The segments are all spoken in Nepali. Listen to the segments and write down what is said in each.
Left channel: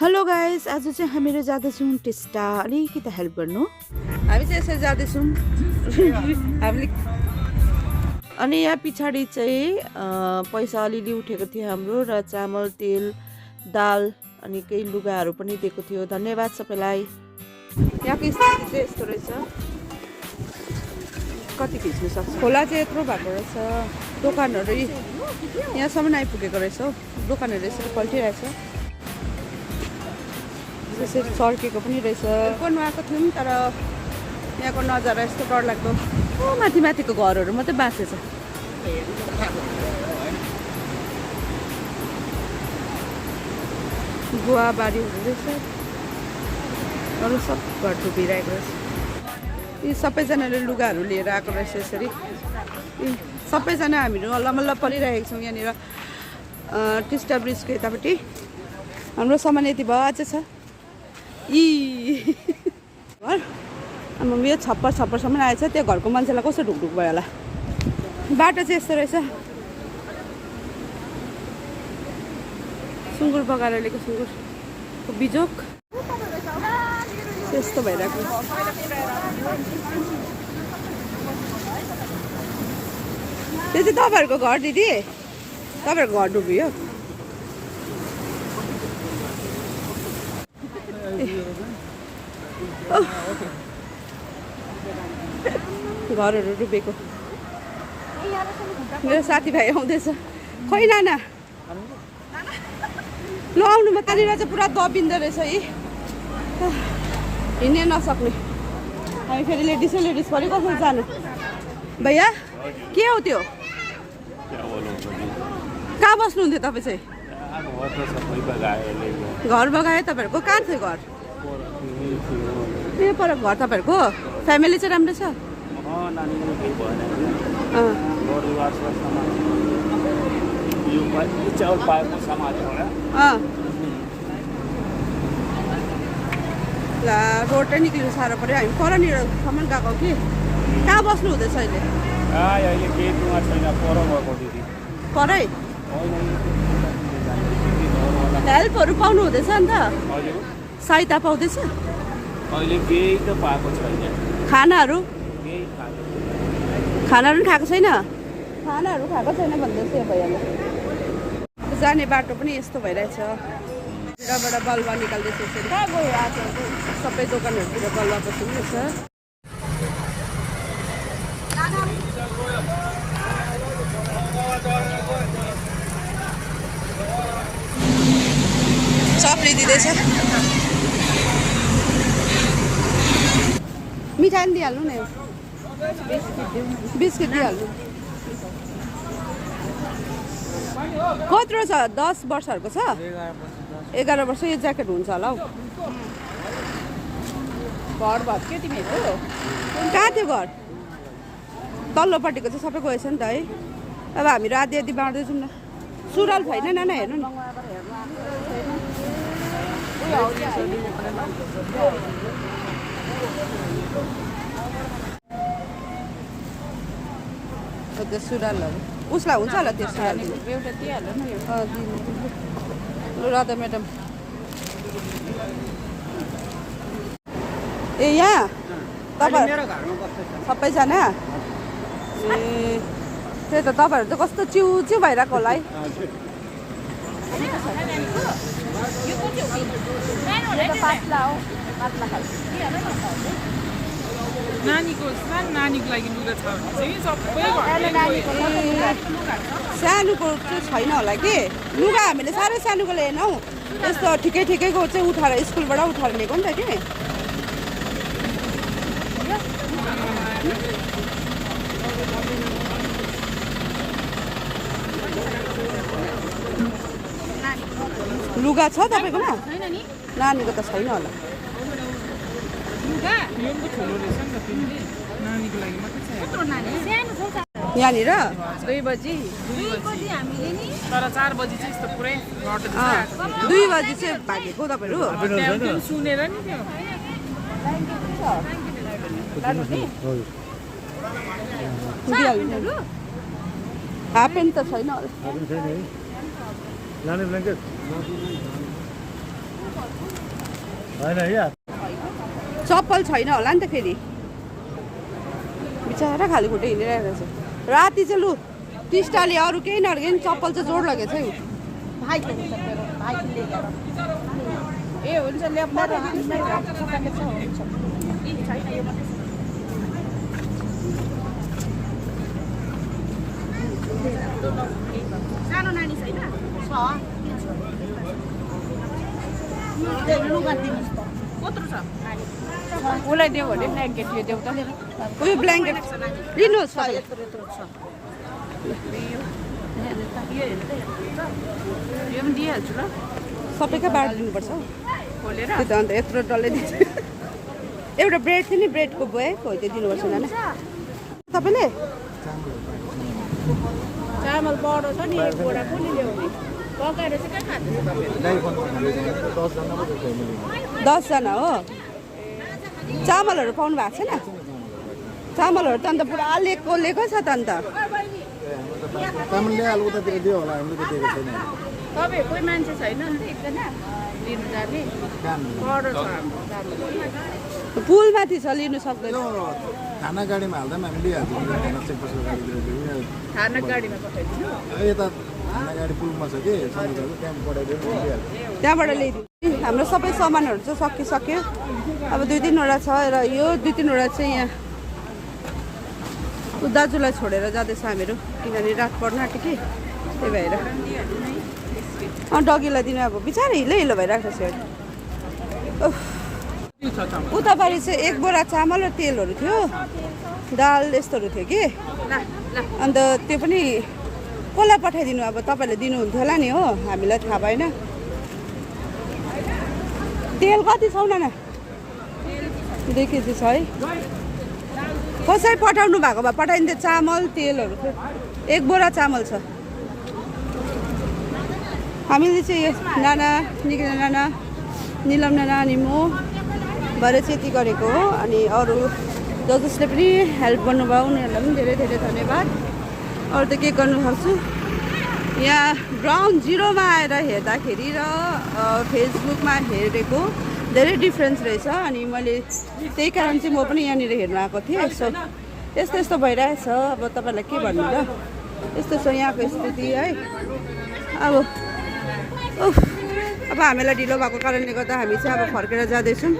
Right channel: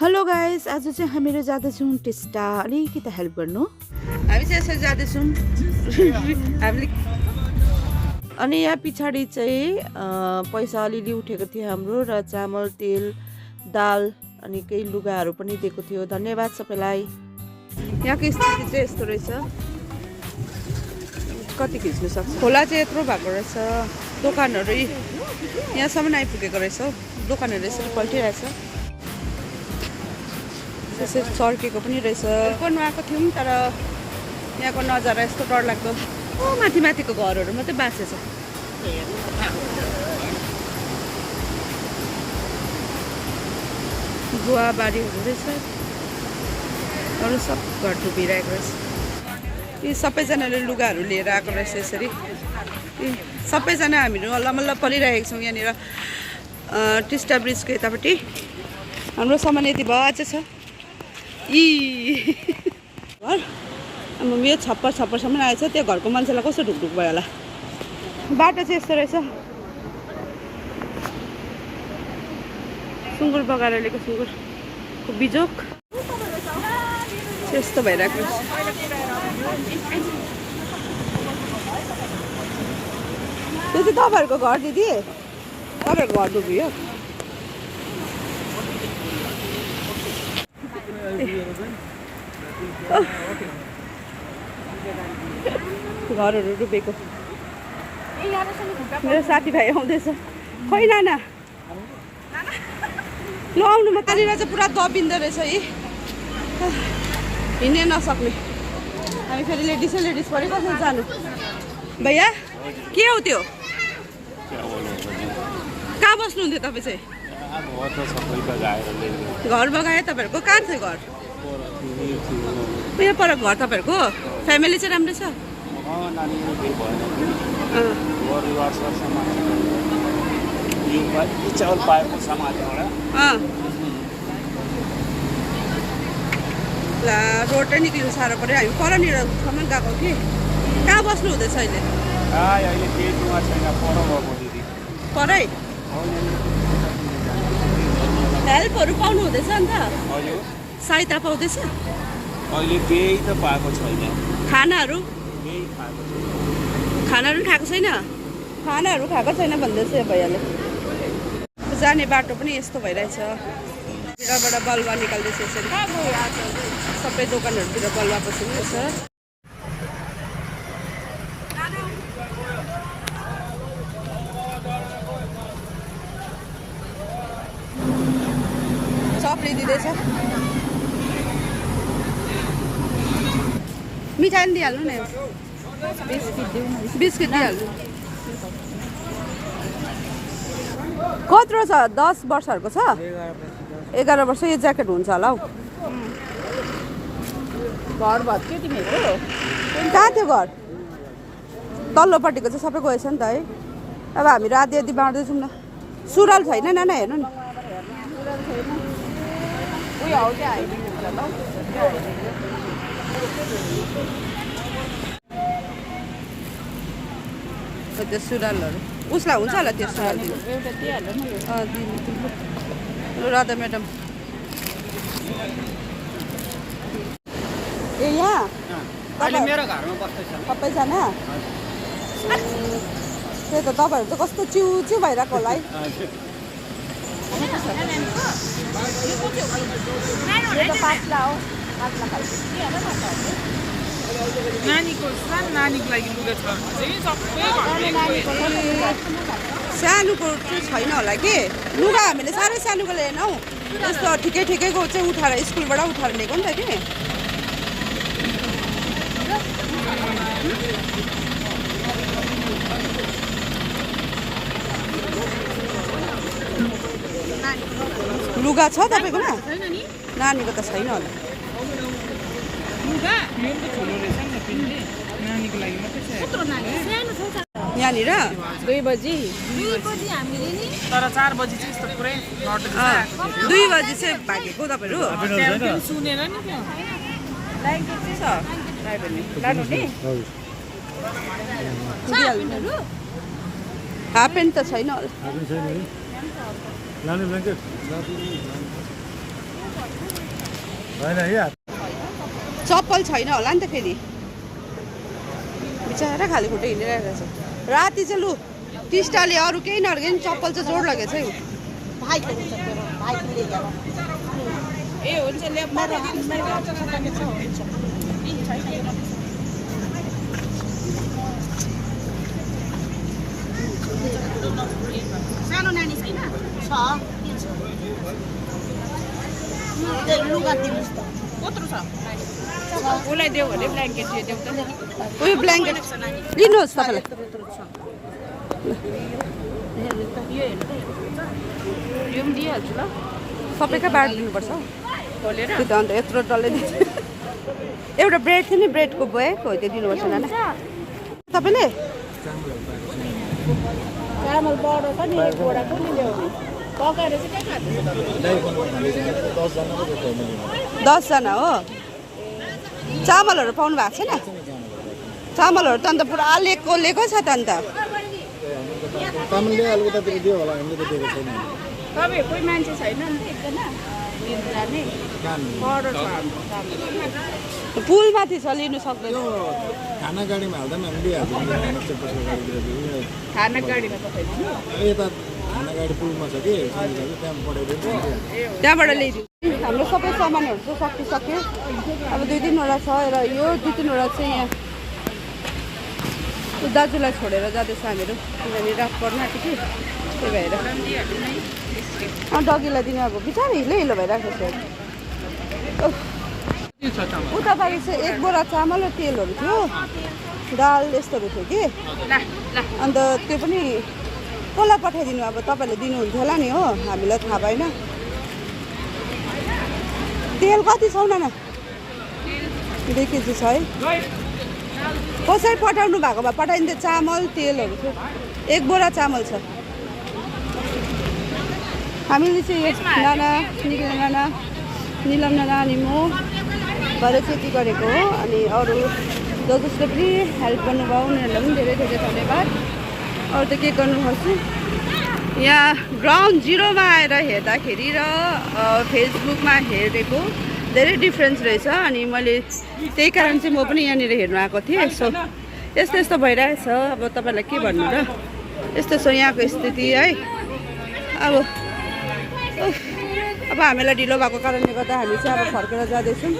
हेलो गाइस, आज चाहिँ हामीहरू जाँदैछौँ टिस्टा। अलिकति हेल्प गर्नु। हामी चाहिँ यसरी जाँदैछौँ हामीले। अनि यहाँ पछाडि चाहिँ पैसा अलिअलि उठेको थियो हाम्रो, र चामल, तेल, दाल अनि केही लुगाहरू पनि दिएको थियो। धन्यवाद सबैलाई। यहाँको स्थिति चाहिँ यस्तो रहेछ। कति खिच्नु सक्छ। खोला चाहिँ यत्रो भएको रहेछ। दोकानहरू यहाँसम्म आइपुगेको रहेछ हौ। दोकानहरू यसरी पल्टिरहेछ। त्यसरी सर्केको पनि रहेछ। गर्नु आएको थियौँ, तर यहाँको नजारा यस्तो डरलाग्दो। माथि माथिको घरहरू मात्रै बाँचेछ। गुवाबारीहरू रहेछ। अरू सब घर डुबिरहेको रहेछ। यी सबैजनाले लुगाहरू लिएर आएको रहेछ यसरी। सबैजना हामीहरू मल्ल परिरहेको छौँ यहाँनिर टिस्टा ब्रिजको यतापट्टि। हाम्रो सामान यति भयो अझै छ। घर अब यो छप्परसम्म आएछ। त्यो घरको मान्छेलाई कस्तो ढुकढुक भयो होला। बाटो चाहिँ यस्तो रहेछ। सुँगुर बगाएर ल्याएको सुँगुरको बिजोक यस्तो भइरहेको रहेछ। यो चाहिँ तपाईँहरूको घर दिदी? तपाईँहरूको घर डुब्यो? घरहरू डुबेको। मेरो साथीभाइ आउँदैछ। खोइ नाना ल आउनु। म तनिर चाहिँ पुरा दबिँदो रहेछ है। हिँड्नै नसक्ने। हामी फेरि लेडिज पऱ्यो। कसरी जानु भैया? के हो त्यो? कहाँ बस्नुहुन्थ्यो तपाईँ चाहिँ? घर बगायो तपाईँहरूको? कहाँ थियो घर? यहाँ पर घर तपाईँहरूको? फ्यामिली चाहिँ राम्रो छ? ला रोडै निक्लिनु साह्रो पऱ्यो। हामी परनिरसम्म गएको कि। कहाँ बस्नु हुँदैछ अहिले? परै हेल्पहरू पाउनु हुँदैछ? अन्त सहायता पाउँदैछ? अहिले केही त पाएको छैन। खानाहरू खाएको छैन? खानाहरू खाएको छैन भन्दैछ यो भैयाले। जाने बाटो पनि यस्तो भइरहेछ। भित्रबाट बलुवा निकाल्दैछ यसरी। सबै दोकानहरूतिर बलुवा पसिरहेछ। सप्री दिँदैछ। मिठाई पनि दिइहाल्नु न। बिस्किट दिइहाल्नु। कत्रो छ? 10 वर्षहरूको छ? 11 वर्ष। यो ज्याकेट हुन्छ होला हौ। घर भत्क्यो तिमीहरूको? कहाँ थियो घर? तल्लोपट्टिको चाहिँ सबै गएछ नि त है। अब हामीहरू आधी बाँड्दैछौँ न। सुरुवाल छैन नाना, हेर्नु नि। त्यो सुरुवालहरू उसलाई हुन्छ होला। त्यो सुरुवाल दिनु। राधा म्याडम ए यहाँ मेरो घरमा बस्दैछ सबैजना। त्यही त तपाईँहरू चाहिँ कस्तो चिउ भइरहेको होला है। यो त पातला हो, पातला खालको। सानोको चाहिँ छैन होला कि लुगा। हामीले साह्रै सानोको लिएन हौ। यस्तो ठिकैको चाहिँ उठाएर स्कुलबाट उठाएर लिएको नि त कि। लुगा छ तपाईँकोमा? नानीको त छैन होला। यहाँनिर 2 बजी हामीले नि, तर 4 बजी चाहिँ यस्तो पुरै 2 बजी चाहिँ भागेको तपाईँहरू सुनेर नि। हाफ प्यान्ट त छैन होला। चप्पल छैन होला नि त फेरि बिचरा खाली खुट्टा हिँडिरहेको छ राति चाहिँ लु टिस्टाले अरू केही नलगे नि चप्पल चाहिँ जोड लगेछ है ए हुन्छ सानो नानी छैन छ लुगा दिनुहोस् त कत्रो छ उसलाई दियो भने ब्ल्याङ्केट दियो उयो ब्ल्याङ्केट लिनुहोस् तपाईँलाई यो पनि दिइहाल्छु ल सबैका बाँड दिनुपर्छ त्यो त अन्त यत्रो डल्लै दिन्छ एउटा ब्रेड थियो नि ब्रेडको बोएको हो त्यो दिनुपर्छ नाना तपाईँले चामल बडो छ नि एक बोरा पनि ल्याउने पकाएर चाहिँ खाँदैन 10जना हो चामलहरू पाउनु भएको छैन चामलहरू त अन्त पुरा लिएको छ त अन्त तपाईँ कोही मान्छे छैन नि एकजना लिनु जाने बडो छ पुलमाथि छ लिनु सक्दैन खाना गाडीमा हाल्दा पनि हामी दिइहाल्छौँ खाना चेकपोस्टको गाडीतिर दिउँ खाना गाडीमा पठाइदिनु यता खाना गाडी पुलमा छ कि सन्दर्भ त्यहाँ पठाइदिनु त्यहाँबाट ल्याइदिउँ हाम्रो सबै सामानहरू चाहिँ सकिसक्यो अब 2-3वटा छ र यो 2-3वटा चाहिँ यहाँ दाजुलाई छोडेर जाँदैछ हामीहरू किनभने रात पर्न आँट्यो कि त्यही भएर डगीलाई दिनु अब बिचरा हिलो भइरहेको छ उतापट्टि चाहिँ 1 बोरा चामल र तेलहरू थियो दाल यस्तोहरू थियो कि अन्त त्यो पनि कसलाई पठाइदिनु अब तपाईँले दिनुहुन्थ्यो होला नि हो हामीलाई थाहा भएन तेल कति छ नाना 2 केजी छ है कसरी पठाउनु भएको भए पठाइन्थ्यो चामल तेलहरू थियो 1 बोरा चामल छ हामीले चाहिँ नाना निकिना नाना निलम नाना अनि म भरे चाहिँ यति गरेको हो अनि अरू जसले पनि हेल्प गर्नुभयो उनीहरूलाई पनि धेरै धेरै धन्यवाद अरू त के गर्नुपर्छ यहाँ ग्राउन्ड जिरोमा आएर हेर्दाखेरि र फेसबुकमा हेरेको धेरै डिफ्रेन्स रहेछ अनि मैले त्यही कारण चाहिँ म पनि यहाँनिर हेर्नु आएको थिएँ सो यस्तो यस्तो भइरहेछ अब तपाईँलाई के भन्नु र यस्तो छ यहाँको स्थिति है अब हामीलाई ढिलो भएको कारणले गर्दा हामी चाहिँ अब फर्केर जाँदैछौँ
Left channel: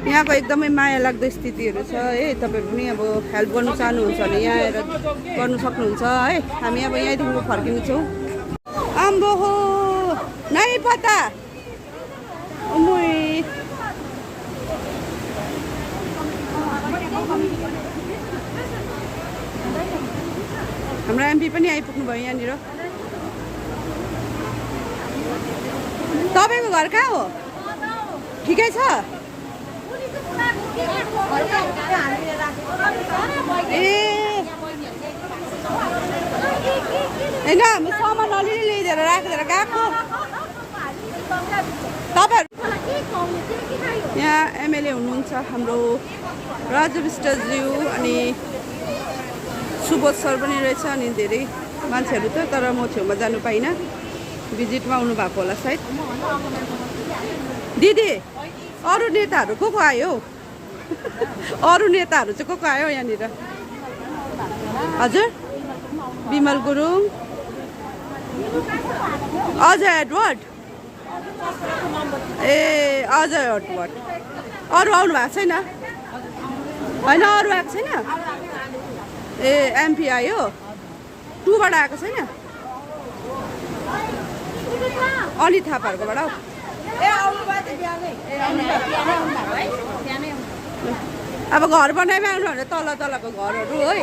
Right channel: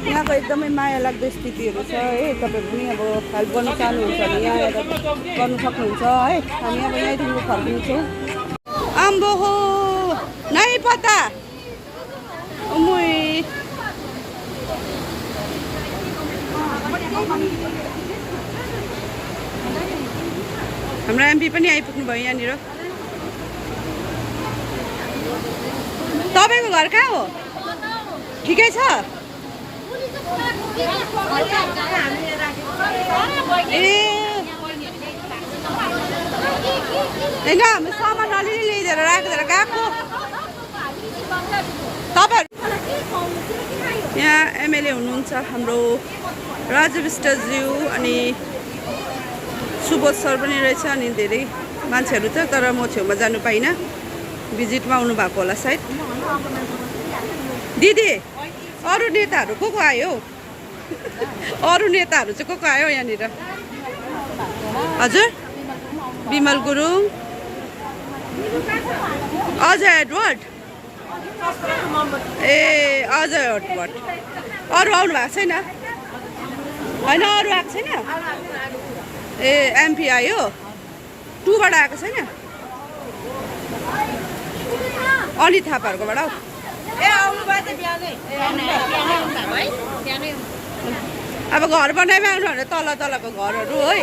यहाँको एकदमै माया लाग्दो स्थितिहरू छ है तपाईँ पनि अब हेल्प गर्नु चाहनुहुन्छ भने यहाँ आएर गर्नु सक्नुहुन्छ है हामी अब यहीँदेखिको फर्किन्छौँ आम्बो हो नै पता हाम्रो एमपी पनि आइपुग्नु भयो यहाँनिर तपाईँको घर कहाँ हो ठिकै छ ए होइन हाम्रो सामान अलिअलि ल्याइदिएर राखेर गएको तपाईँहरू यहाँ एमएलए हुनुहुन्छ हाम्रो राजु विष्टज्यू अनि सुबोध सर पनि रहेछ अनि धेरै मान्छेहरू थियो तर म छेउमा जानु पाइनँ भिजिटमा आउनु भएको होला सायद दिदी अरू नेताहरू को आयो अरू नेताहरू चाहिँ को आयो यहाँनिर हजुर विमल गुरुङ अजय एडवर्ड ए अजय एडवर्ड अरू आउनु भएको छैन होइन अरू आएको छैन ए एमपी आयो 2बाट आएको छैन अनि थापाहरूकोबाट हौ अब घर बनाइमा आउनु भने तलको घरहरू है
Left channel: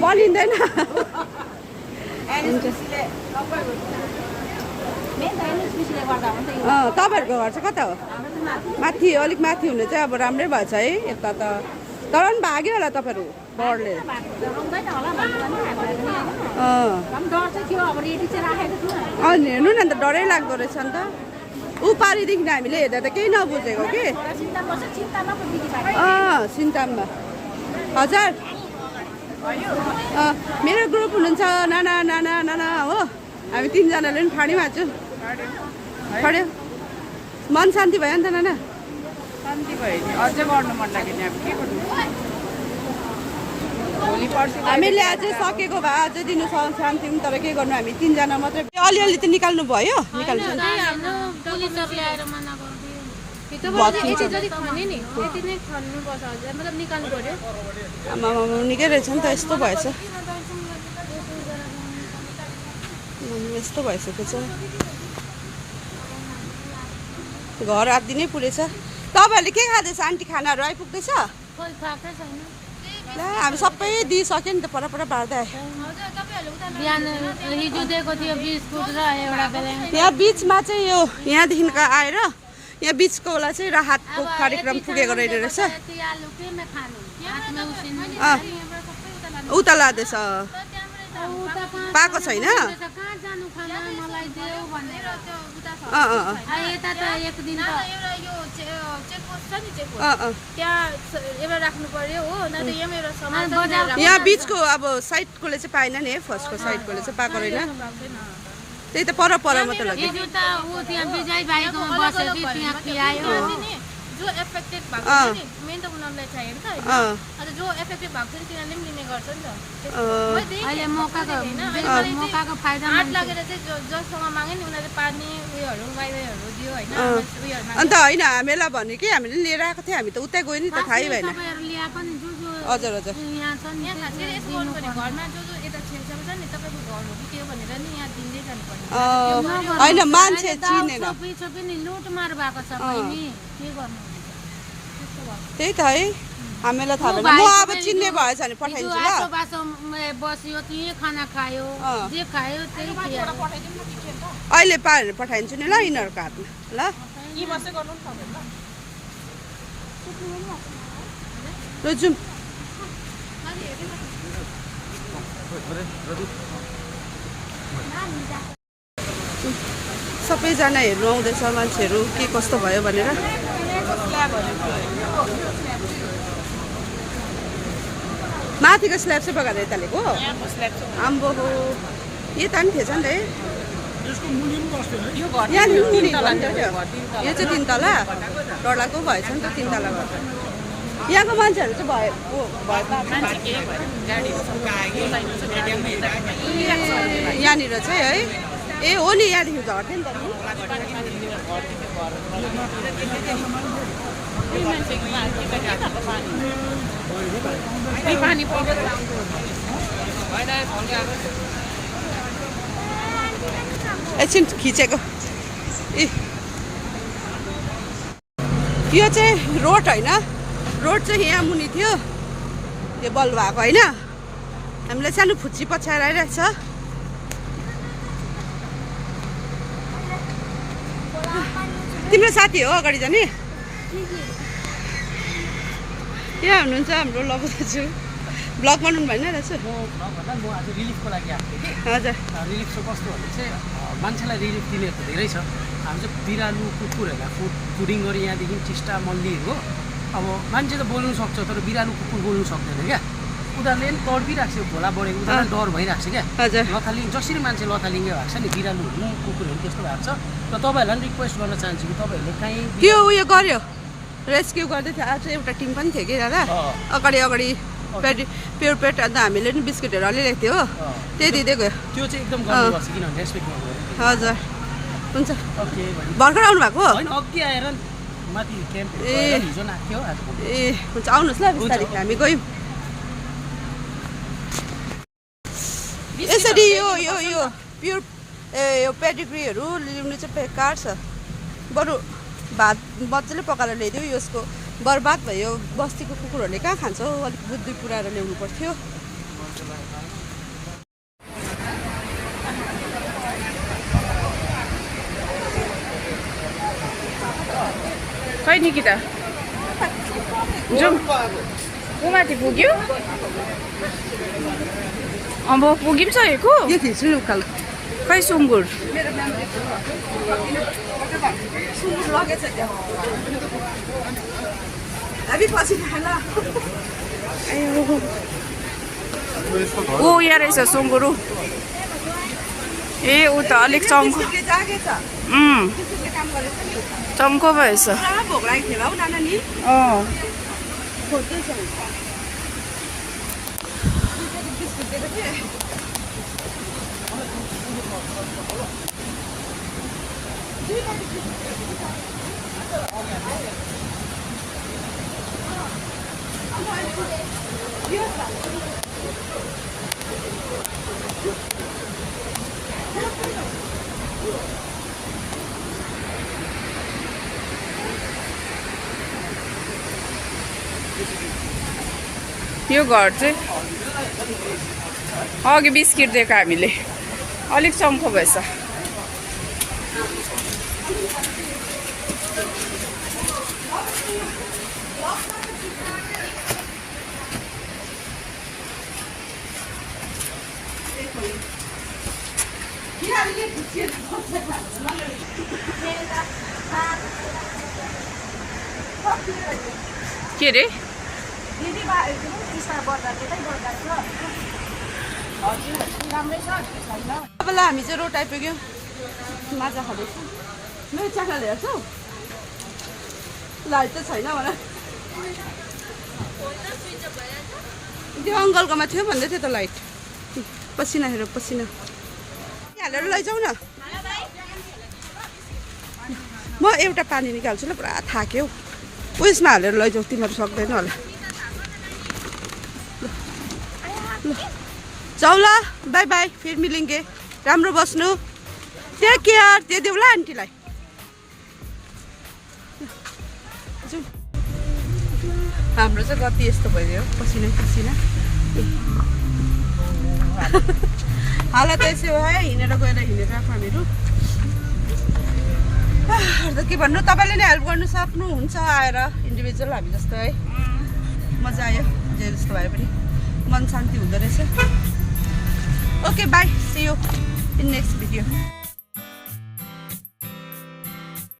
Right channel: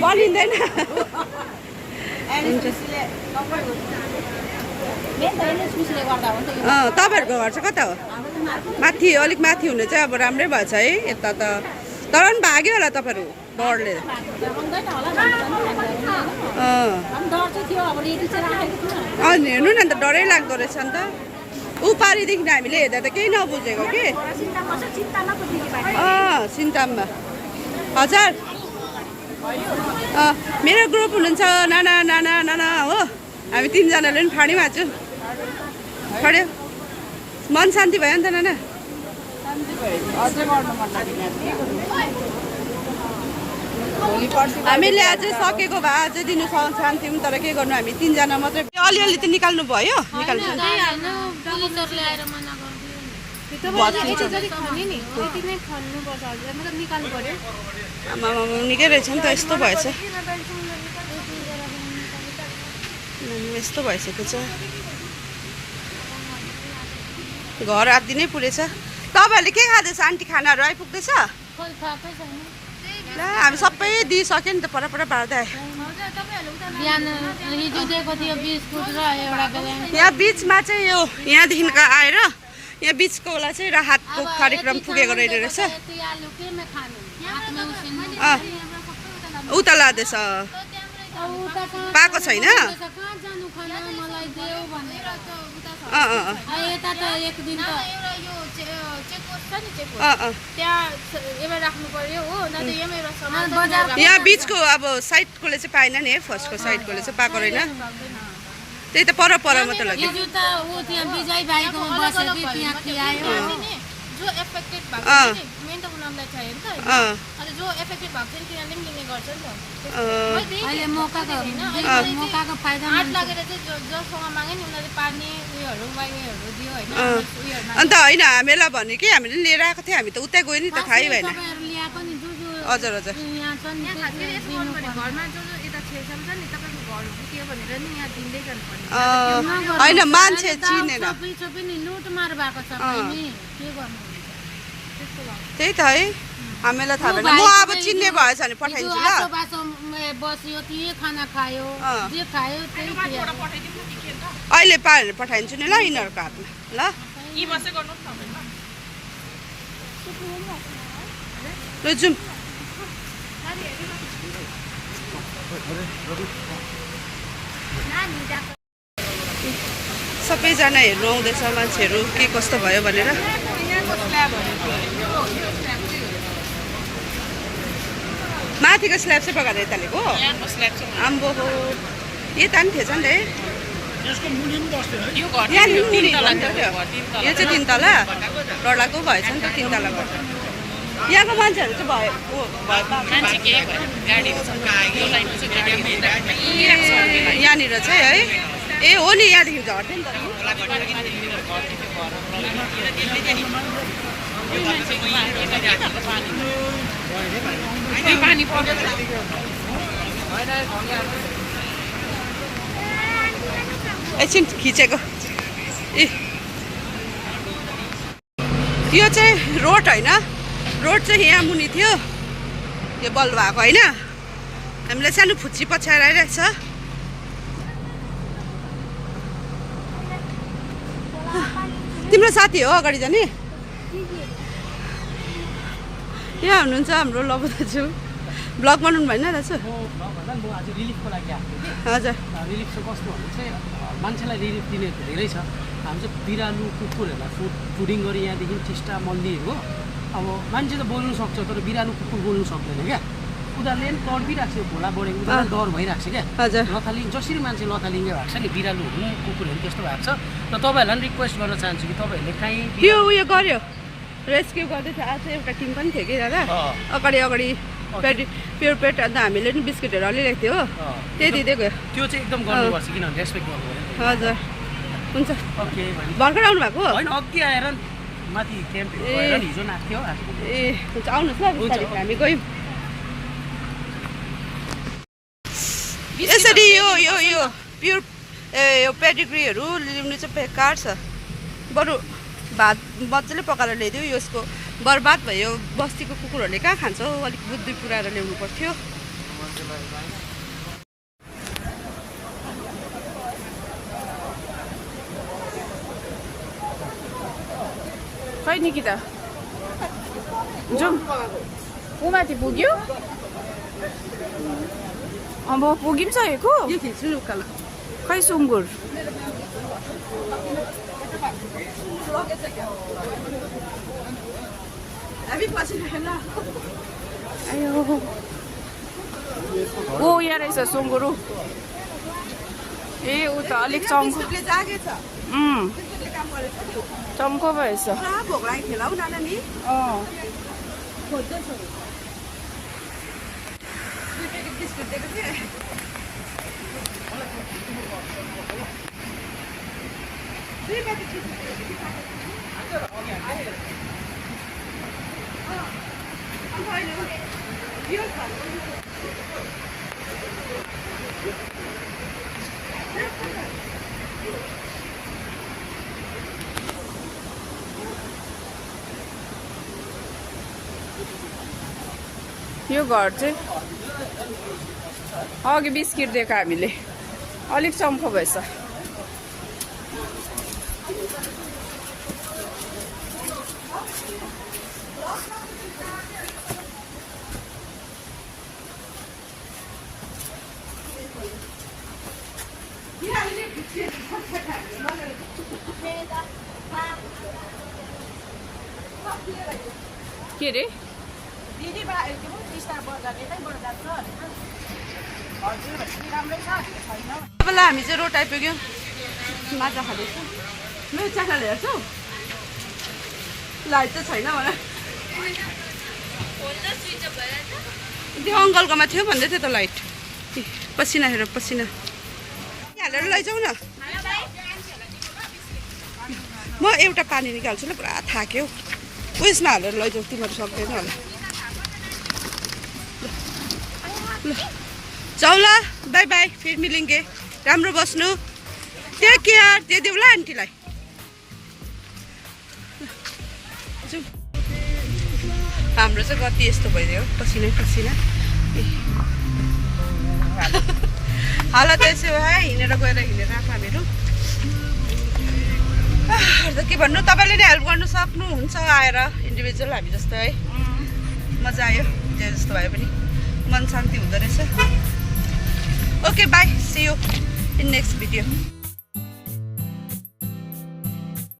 बनिँदैन तपाईँहरूको घर चाहिँ कता हो माथि अलिक माथि हुने चाहिँ अब राम्रै भएछ है यता त तर पनि भाग्यो होला तपाईँहरू डरले हेर्नु न अन्त डरै लाग्दो रहेछ नि त उपारिदेखि हामीले हेर्दा त केही नबुझेको कि सिन्ताममा हजुर मेरो ग्रुप हुनुहुन्छ नाना नाना नाना हो हामी 3जनाले पनि फाँडीमा छौँ खड्यो मन शान्ति भयो नि त नाना शान्ति भयो नि अझै गर्नु मन लाग्यो नि अब के गर्नु हामीले अझै सकेको भए अझै दिनु चाहन्थ्यौँ तर के गर्नु हामी 3 जना मात्रै अलिअलि त निकाल्नु भयो निकाल्नु पुलिसहरुले आएर मना गर्दियो आमा निकै रहेछ नि त यस्तो भएछ यस्तो भइसकेको छ घर आदि नै पुगेछ तपाईहरुले के खाँदैछ आन्टी खानाहरु आइपुग्दैछ खोइ थाकै छैन ल हामी सबै दिइसक्यो नि त परपर बार्दै बिहान हिजो दिएको थियो बिस्कुट र एउटा बेला यहाँ बीचमा चाहिँ यो यहाँदेखिको आएर यहाँ बीचको बेला चाहिँ राहतको कार्यक्रम पुगेको रहेछ उता लाँदैछ पाएको छैन यहाँ बीचको अब साइडकोले चाहिँ पाएन नि फर्स्टको साइडकोले चाहिँ पाएको रहेन त्यही त पर मात्र लाग्यो जो एफेक्टेड भएको छ नि मेन त उनीहरुलाई चाहियो नि त अनि जो एफेक्टेड भएको छ नि तिनीहरुले पनि लिने गर्छ नि त अहिले मौकाको फाइदा 8 लागेर चाहिँ जससँग मागे नि उनीहरुले पानी उयोहरु वाइवाइहरु दियो हैन उयोहरु अन्त हैन हामीलाई भन्यो कि हामीले लिएर आएको थियो हामी त उतै गयो नि त थाहै भएन लिया पनि जो हजुर हजुर यहाँ छ नि घरमा जो यता छेउछाउ छ नि तपाईको घर हो त्यो भनेर नि यहाँ दिँदै जानुपर्ने हैन मान्छे चिनेन सबै नि लुटमार भएको छ पनि के गर्नु त्यही त है हामीलाई थाहा भएन म अब चिन्ने भएछ भने पठाइदिन्छु ल बस्यो त्यही खाना खायो जे खायो त्यही अहिले पाएर पठाइदिन्छु नि ल यिनीहरूको हातमा ल यी मात्रै गर्नु नि ल जाउँ सबैजना हेर्नु आउँदैछ मान्छेहरू के कस्तो भयो भनेर माथिको स्ल्याब चाहिँ बगाएर यतालेको आम्बो हो यता नि थिएछ नि त यहाँनिर मुनि भन्नु थियो यो चाहिँ 3 तला डरलाग्दो भएछ नि त 3 तला गर्दा यहाँको मान्छेहरू चाहिँ यहाँनिर चाहिँ है ए हो नि यहाँदेखि झर्थ्यो नि एकछिन खिचेको ए यो चाहिँ रोड होइन रोड चाहिँ यहाँ मुनि थियो यो बल भएको होइन हामीलाई सानो फुच्ची पछ्याएर आइरहेछ तिम्रो साथी हो अगाडि जाने यहाँ हुनुहुन्छ हाम्रो लबु दाजु ब्लग बनाउनु भएन दाजु म आज रिलिफको लागि आएको थिएँ कि हजुर रिलिफ चाहिँ कस्तो भने चाहिँ मान्छेलाई रिलिफ दिनेहरू त धेरै छ हामी चाहिँ बिरालु कुकुरहरूलाई फुडिङ गरी यहाँदेखि टिस्टा मल्लीहरू हो अब मान्छे त बोल्नु सक्छ तर बिरालु कुकुर बोल्नु सक्दैन क्या उनीहरूले पनि तडपिरहेको छ खोला बढेको उनीहरूलाई डर भइरहेको छ क्या लथालिङ जसरी मान्छे लथालिङ्गै भएको छ नि बिरालुहरू पनि कुकुरहरू त्यस्तो भएको छ र तपाईँहरूलाई पनि रिक्वेस्ट गर्न चाहन्छु कि तपाईँहरूले काहीँ त्यो उयो गर्यो रेस्क्यु गर्दै थियो आज एउटा टिम पनि थियो कि दादा अगाडि प्योर पेट अन्त हामीले पनि बिस्कुटहरू अलिरहेको थियो हो त्यही दिँदै गयो त्यो चाहिँ एकदम गर्नुपर्छ किनभने रेस्पेक्ट गर्नुपर्छ हजुर हुन्छ ओके भर्खर आउनु भएको होइन अघि आएर माथि क्याम्प हिजै नाच्थ्यो ए हुन्छ आउनुहोस् ल बिस्तारै हामी गयौँ यसरी यो प्योर यो पेडिग्रीहरू ल्याउनु चाहिँ बेकार छ बरु भात मजाले पकाएर ल्याइदियो यसको बर्बाद भयो बस्तीको कुकुरहरूले कहाँ खान्छ हौ अलिक बुद्धि पुऱ्याएर ल्याउनु पर्थ्यो खै निकिता जाउँ माथि पुग्यो अब पुगिसकेको यो थिच्छु नि उकालो खै सुँगुर ऊ यहाँ रहेछ सुँगुरु ए ऊ त अलिक चम्को चम्को भएछ यो घर चाहिँ अघि बिस्किट दिएको हामीले अलिक चम्को भएछ के रे बेला हामी चाहिँ रोड आइपुग्यौँ माछा खाँदैछौँ मेरो चाखाले हेर्छौ लाइट त छैन होला त्यो अङ्कलकोमा थियो भन्दै थियो त लाइट पसिना हेर पसिना हालेर लैजाऊ न म एउटा पानी निकाल्छु ल पुरा थाक्यो उयसमा हालेर लैजाऊ तिनीहरू सक्दैन होला जाऊ ल बाई बाई फेरि मिलिङ्गे राम्रो बस्नु टेक केयर त्यो देऊ ल आन्टीलाई हाम्रो चाहिँ गति यस्तो भइदियो पसिना पसिना हालत यसो है हिँडेर गएर हिँडेर आएको हामीहरू के भन्नु तपाईँले नै हेल्प गर्नु सक्नुहुन्छ आएर इन्डिभिजुअल हामी जस्तो है मजा आयो जे जस्तो भए पनि मन शान्ति हुँदो रहेछ okay bye see you in next video